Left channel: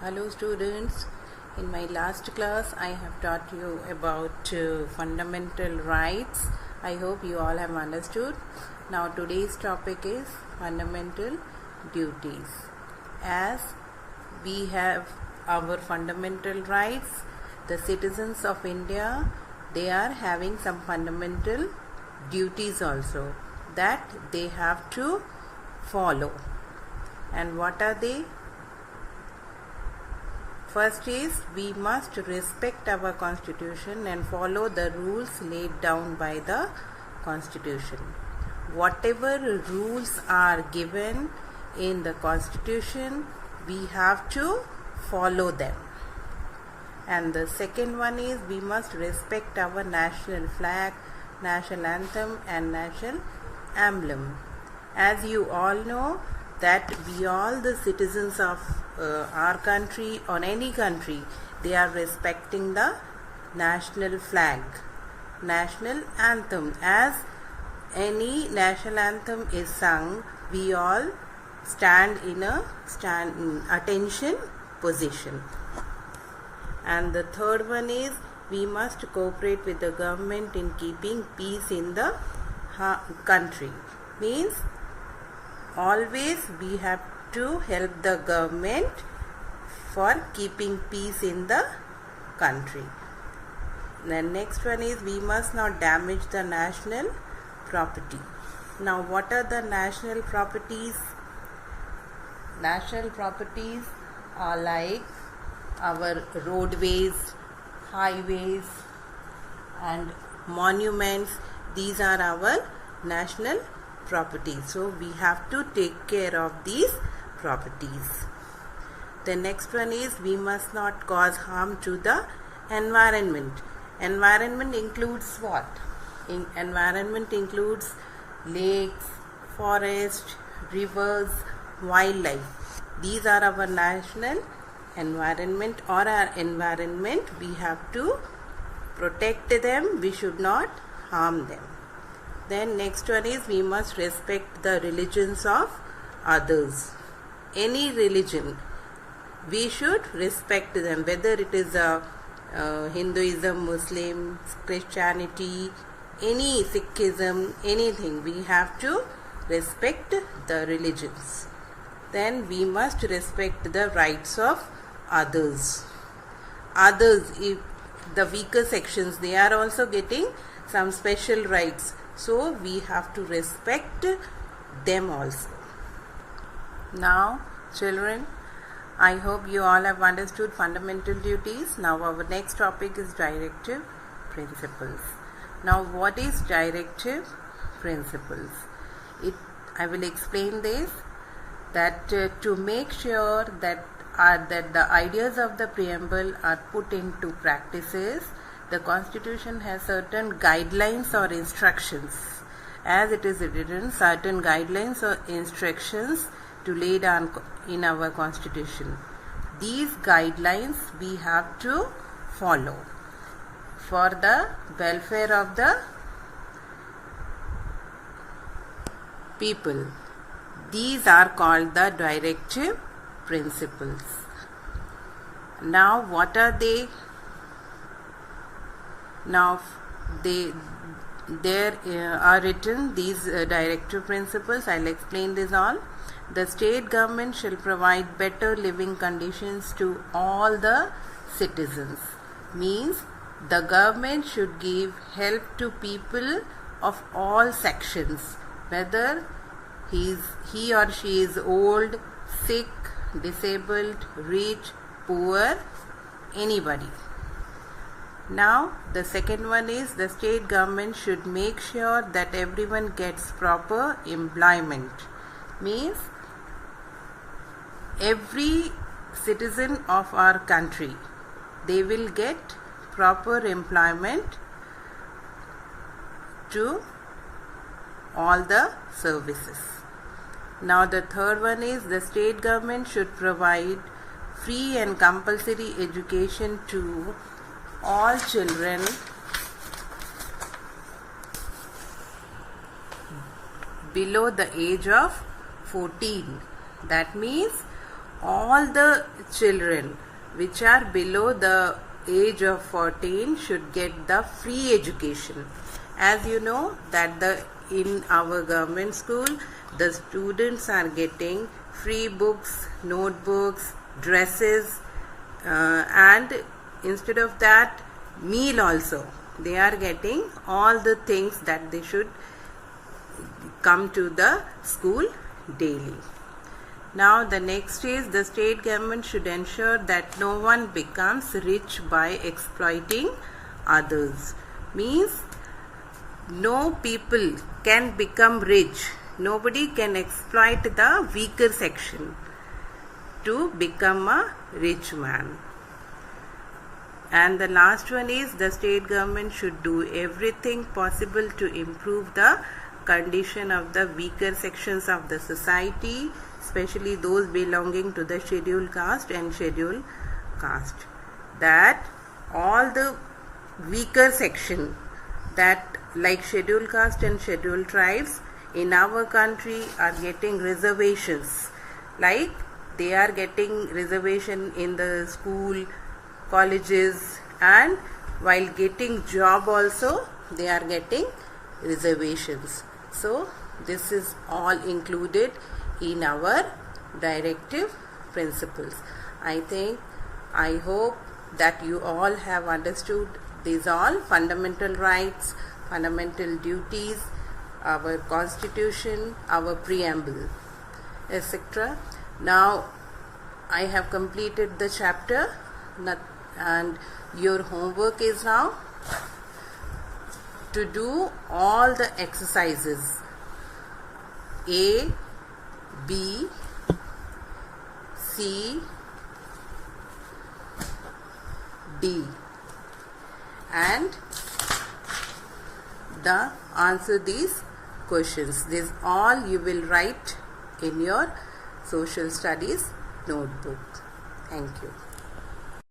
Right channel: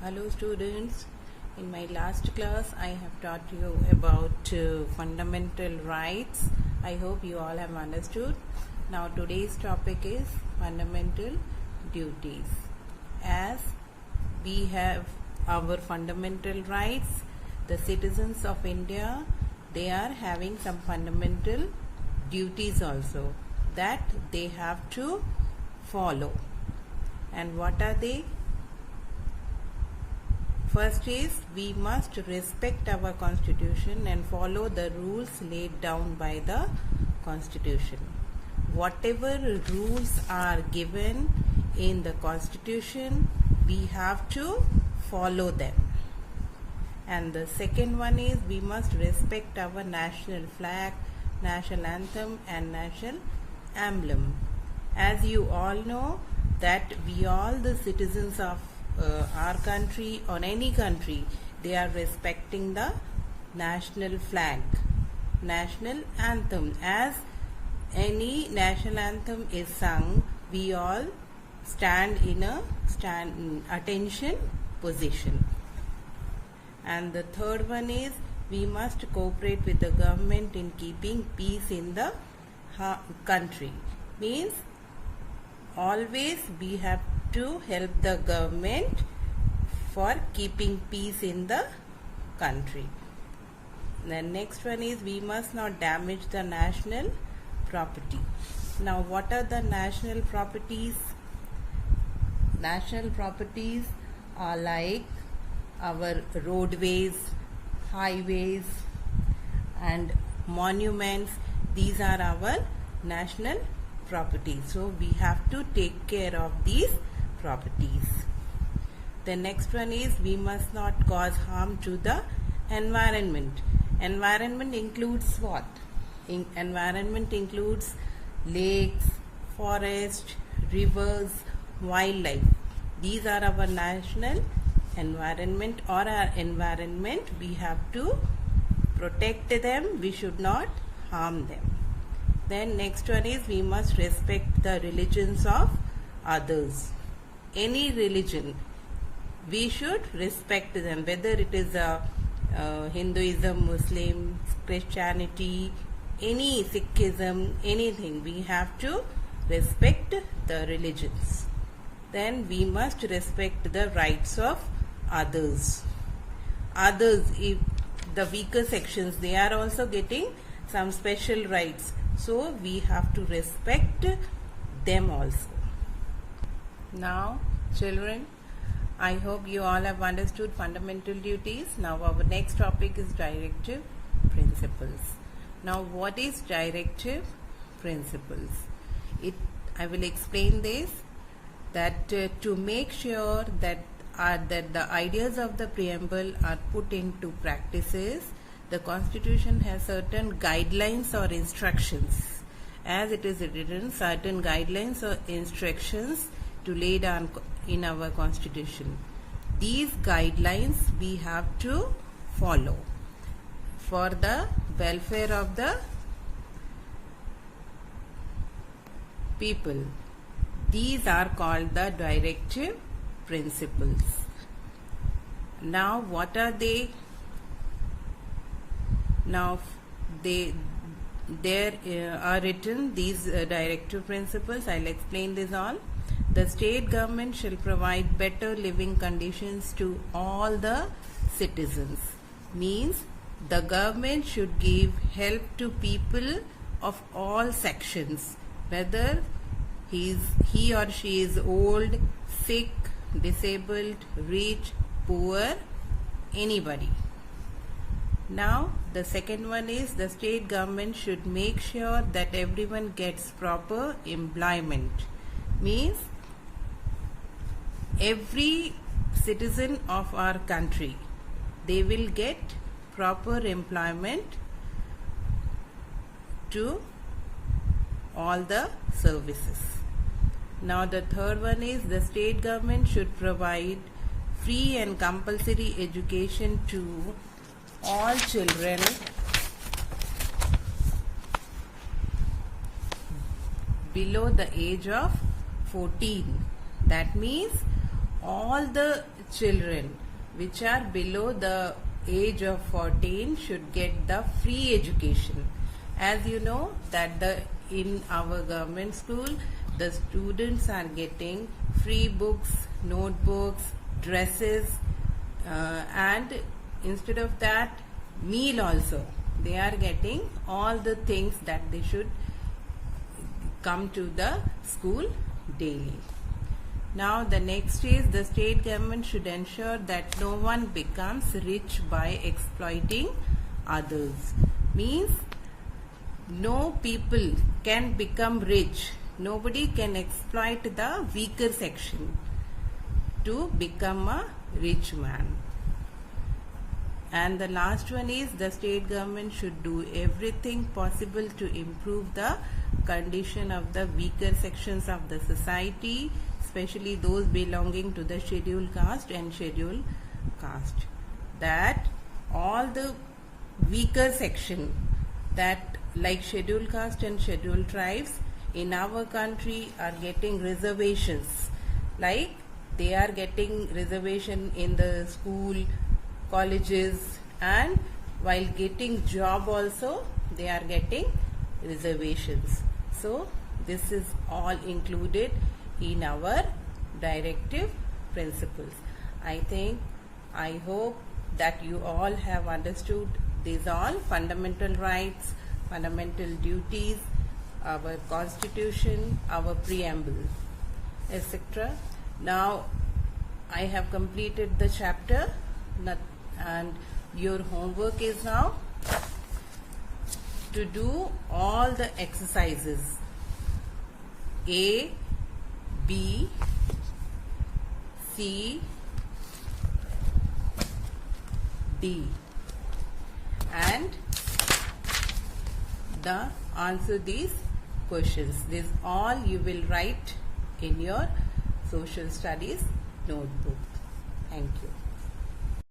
Hello students, in my last class I have taught you about fundamental rights. I hope you all have understood. Now today's topic is fundamental duties. As we have our fundamental rights, the citizens of India, they are having some fundamental duties also that they have to follow. And what are they? First is, we must respect our constitution and follow the rules laid down by the constitution. Whatever rules are given in the constitution, we have to follow them. And the second one is, we must respect our national flag, national anthem and national emblem. As you all know that we all the citizens of our country or any country, they are respecting the national flag, national anthem. As any national anthem is sung, we all stand in attention position. And the third one is, we must cooperate with the government in keeping peace in the country. Means always we have to help the government for keeping peace in the country. The next one is, we must not damage the national property. Now what are the national properties? National properties are like our roadways, highways and monuments. These are our national properties. So we have to take care of these properties. The next one is, we must not cause harm to the environment. Environment includes what? Environment includes lakes, forests, rivers, wildlife. These are our national environment or our environment. We have to protect them. We should not harm them. Then next one is, we must respect the religions of others. Any religion, we should respect them, whether it is Hinduism, Muslim, Christianity, any Sikhism, anything, we have to respect the religions. Then we must respect the rights of others. Others, if the weaker sections, they are also getting some special rights. So we have to respect them also. Now children, I hope you all have understood fundamental duties. Now our next topic is directive principles. Now what is directive principles? I will explain this, that to make sure that the ideas of the preamble are put into practices, the Constitution has certain guidelines or instructions. As it is written, certain guidelines or instructions to lay down in our Constitution. These guidelines we have to follow for the welfare of the people. These are called the directive principles. Now what are they? Now there are written these directive principles. I will explain this all. The state government shall provide better living conditions to all the citizens. Means the government should give help to people of all sections, whether he or she is old, sick, disabled, rich, poor, anybody. Now the second one is, the state government should make sure that everyone gets proper employment. Means every citizen of our country, they will get proper employment to all the services. Now the third one is, the state government should provide free and compulsory education to all children below the age of 14. That means all the children which are below the age of 14 should get the free education. As you know that in our government school, the students are getting free books, notebooks, dresses, and instead of that, meal also. They are getting all the things that they should come to the school daily. Now the next is the state government should ensure that no one becomes rich by exploiting others. Means no people can become rich. Nobody can exploit the weaker section to become a rich man. And the last one is the state government should do everything possible to improve the condition of the weaker sections of the society, especially those belonging to the scheduled caste and scheduled caste. That all the weaker section, that like scheduled caste and scheduled tribes in our country are getting reservations. Like they are getting reservation in the school, colleges, and while getting job also they are getting reservations. So this is all included in our directive principles. I hope that you all have understood these all fundamental rights, fundamental duties, our constitution, our preamble, etc. Now I have completed the chapter, and your homework is now to do all the exercises A, B, C, D, and answer these questions. This all you will write in your social studies notebook. Thank you.